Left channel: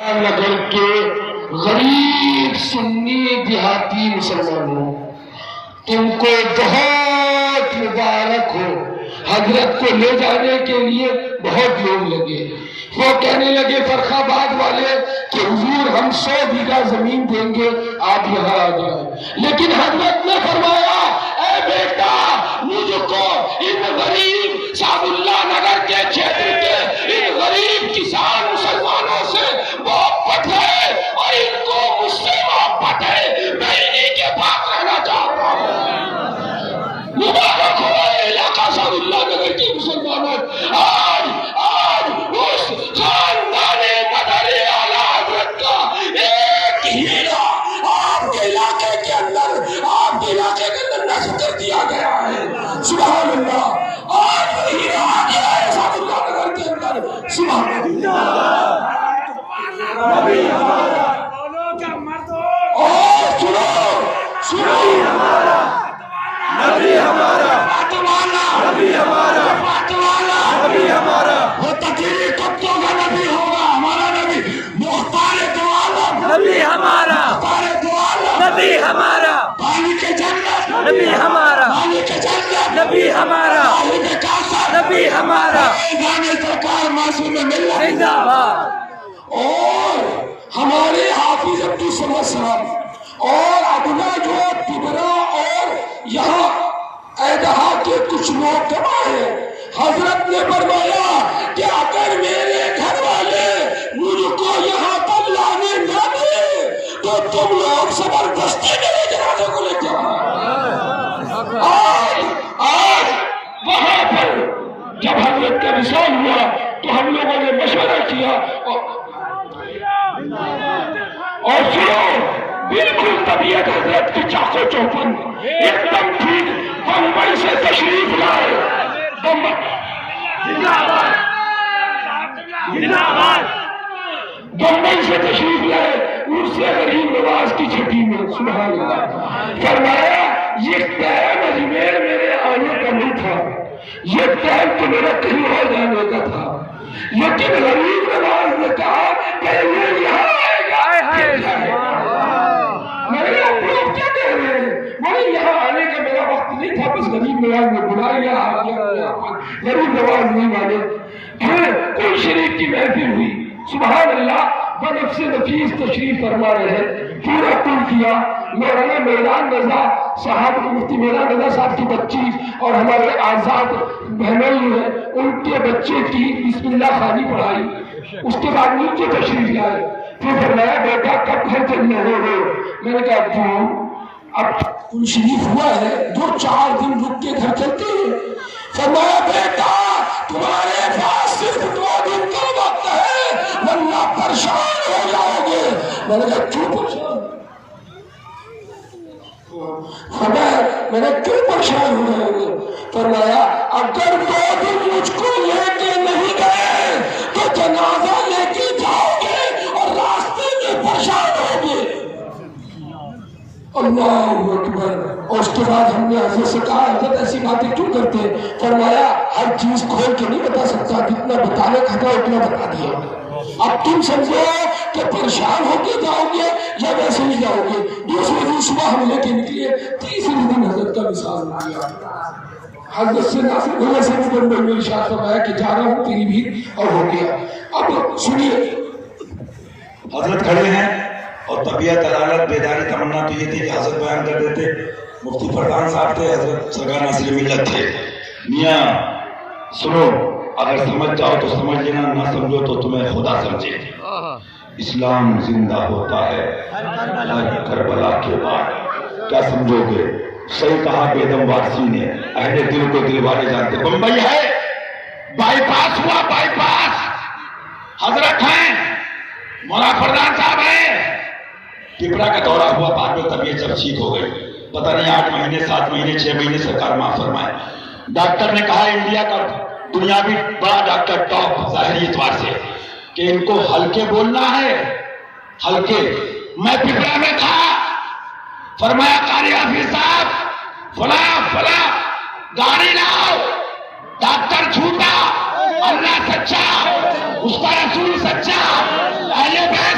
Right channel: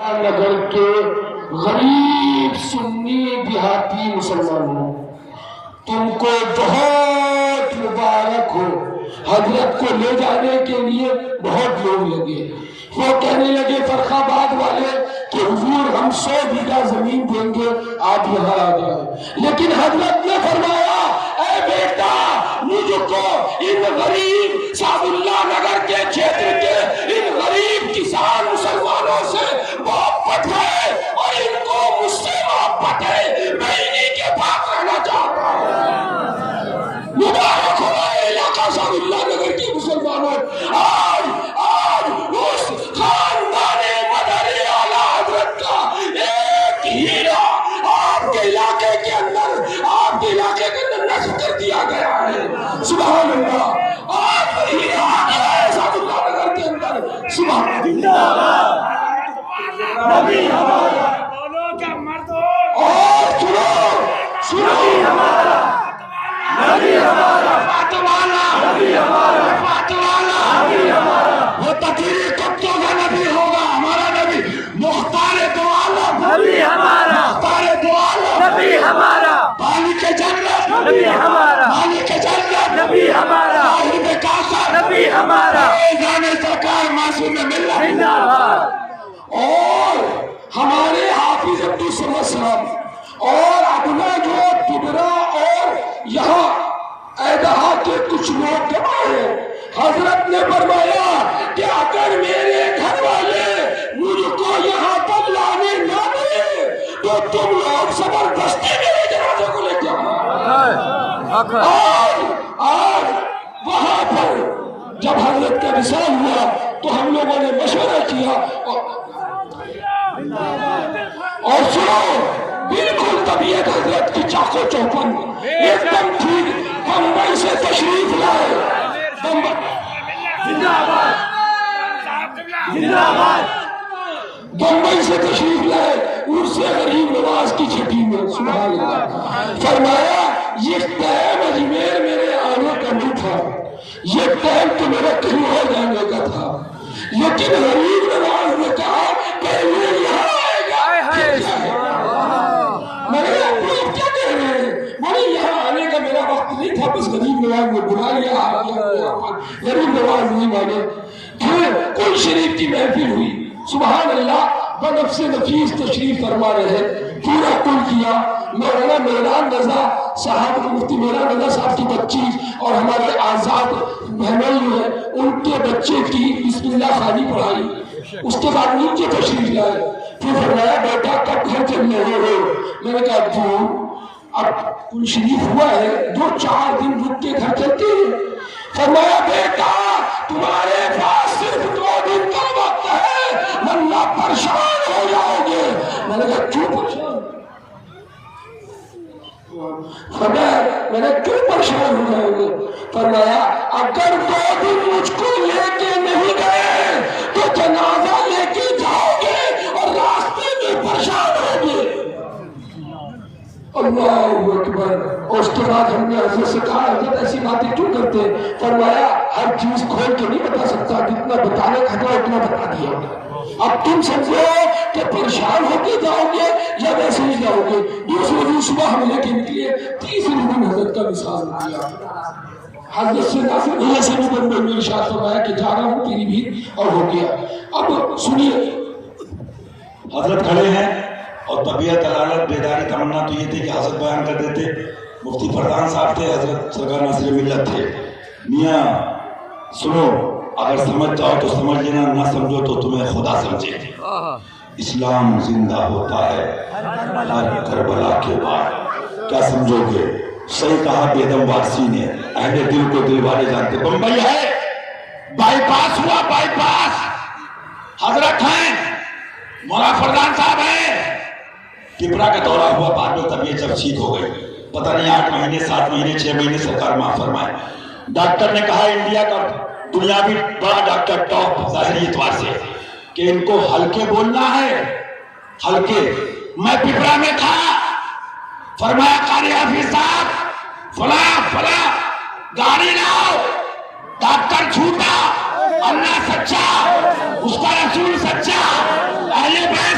نگر کے غریب سنی دیہاتی مسلمانوں، تم کو بہت مبارک ہو۔ حضرت کو لے جانے کے لیے بہت لوگ لگے، وہ کہنے لگے فرخ آباد والے کہ حضور ہم 100 بیگھہ زمین دیں گے، آپ یہاں آ جائیں۔ لیکن حضرت نے فرمایا اے بیٹا، مجھ کو ان غریب شاہ اللہ نگر کے چھیتر کے ان غریب کسان مسلمانوں سے محبت ہے اور ان کو مجھ سے محبت ہے، میں انہی کے پاس رہنا چاہتا ہوں۔ مبارک ہوا یہ علاقہ شاہ اللہ نگر کے مسلمانوں۔ آج اس خاندان مدنی اعلیٰ حضرت کا ایک ہیرا آپ کے علاقے کے اندر نصب کر دیا گیا ہے۔ سبحان اللہ، آج ہیرا آ گیا ہے شاہ اللہ نگر کے اندر۔ سبحان اللہ، نبی ہمارا بولو کیا مرد ہو، اور سنو نبی ہمارا، نبی ہمارا فاطمہ، نبی ہمارا فاطمہ، نبی ہمارا وہ تقریر کتوں کا نبی ہوگا، ہمارا نبی مختار دو عالم، نبی ہمارا مختار دو عالم، نبی ہمارا مالک جنت، نبی ہمارا مالک جنت، نبی ہمارا صاحب کاثر، نبی ہمارا فیضان سرکار معصوم ملت زندہ باد۔ اور ہمارے حافظ عبدالسلام اور ادنا جو تبرا اور یہاں ایدہا کے کچھ لوگ جمع ہیں، حضرت نے فرمایا کہ اگر میرے گھر والے مجھ کو یہاں پر لانے نہ دیں تو تم لوگ زبردستی میرے جنازے کو لے جاؤ۔ آج وہاں پر جب حضرت کا وصال ہوا تو ہم لوگوں نے مشورہ کیا اور سنو، بالکل طبیعت حضرت کی چاقو چوپن ایک دم ٹھیک۔ بمبئی سے تشریف لائے، بمبئی سے تشریف لائے اس سے غریب نواز کی چھٹی میں، سبحان اللہ، فرمایا یہ ٹائم اجمیر میرے آنے کا نہیں تھا، یہ ٹائم تو میرا کہیں اور جانے کا تھا، لیکن غریب نواز نے کہا پہلے یہاں آئے گا۔ میں نے آپ لوگ کیا کہہ رہے ہیں؟ میں یہاں آنے کا میرا وقت نہیں تھا، بس غریب نواز نے بلا لیا، آ گیا۔ غریب نواز نہیں مانے۔ پھر کل شریف کی محفل ہوئی، سبحان اللہ، بنفس نفیس تشریف فرما رہے، پورا کل کیا۔ مولانا میران رضا صاحب، مفتی میران رضا صاحب کی بچی اور ہمارے آزاد بہنوئی ہیں، ان کے بچے کی بسم اللہ خوانی پڑھائی، اس کے بعد نیچے تشریف لائے۔ پھر فرمایا بیٹا کب گھر چلنے ہو؟ میں نے کہا کیوں؟ اب کل شریف ہوا ہے، 2-4 دن رک کے گھر چلتے ہیں۔ فرمایا بیٹا تمہارے پاس صرف 2 دن کا وقت ہے ورنہ پریشان ہو جاؤ گے۔ میں نے کہا کیوں پریشان؟ فرمایا میں نے کیوں پریشان ہو جاؤ گے؟ فرمایا اگر 2 دن مجھ کو لے کے نہیں گئے تو جنازہ لے کے جاؤ گے اور راستے میں پریشان ہوگے۔ اللہ اکبر۔ اور اس کے بعد ہم نے حضرت سے کہا حضرت ایسی باتیں کیوں کرتے ہیں؟ فرمایا ہر چیز کھول کے نہیں بتا سکتا، جتنا بتانے کا تھا اتنا بتا دیا۔ اب تم سمجھو کہ پریشان ہو کے جاؤ گے یا ویسے ہی جاؤ گے۔ دوسرے دن صبح ہم لے کے نکلے، تیسرے دن حضرت کا وصال ہو گیا۔ حضرت سے ناصر بھیا سے بھی بندے میں ارشاد فرمایا کہ جا رہا ہوں تیری بھی، اور ہو گیا۔ اب سنیے، حضرت کھڑے ہیں اور طبیعت عدالت بیداری تمنا تو یہ تھی کہ حضرت بیان کر دیتے۔ مفتی فردان صاحب تھے، حضرت سرکار ناصر ملت تھے۔ میاں سنو، اگر سمجھ جاؤ تو سمجھ لینا، نہ سمجھو تو تمہیں خدا سمجھے۔ اسلام زندہ ہوتا ہے ہر کربلا کے بعد۔ کیا سمجھو گے؟ صحیح کہا بیدم وارسی نے، اہل دل کو دل والے جانتے۔ بمبئی ہے، بائی پاس ہوا، بائی پاس حضرت ہیں، مولا فردان صاحب ہیں۔ ٹپرا کا دورہ ہوا، بعد میں طبیعت جب ٹھیک ہو گئی، پتہ نہیں 8 مہینے 7 مہینے 6 مہینے سرکار معاف فرمائے۔ ڈاکٹر نے کہا انڈیا کا دنیاوی بڑا ڈاکٹر ٹاپ ظاہری اعتبار سے کہ ان کو ہلکے بولنا ہے، ہلکے۔ میں ٹپرا میں تھا، فرمایا قاری حافظ صاحب فلاں گاڑی لاؤ، ڈاکٹر جھوٹا، اللہ سچا، اس کا رسول سچا، اہل بیت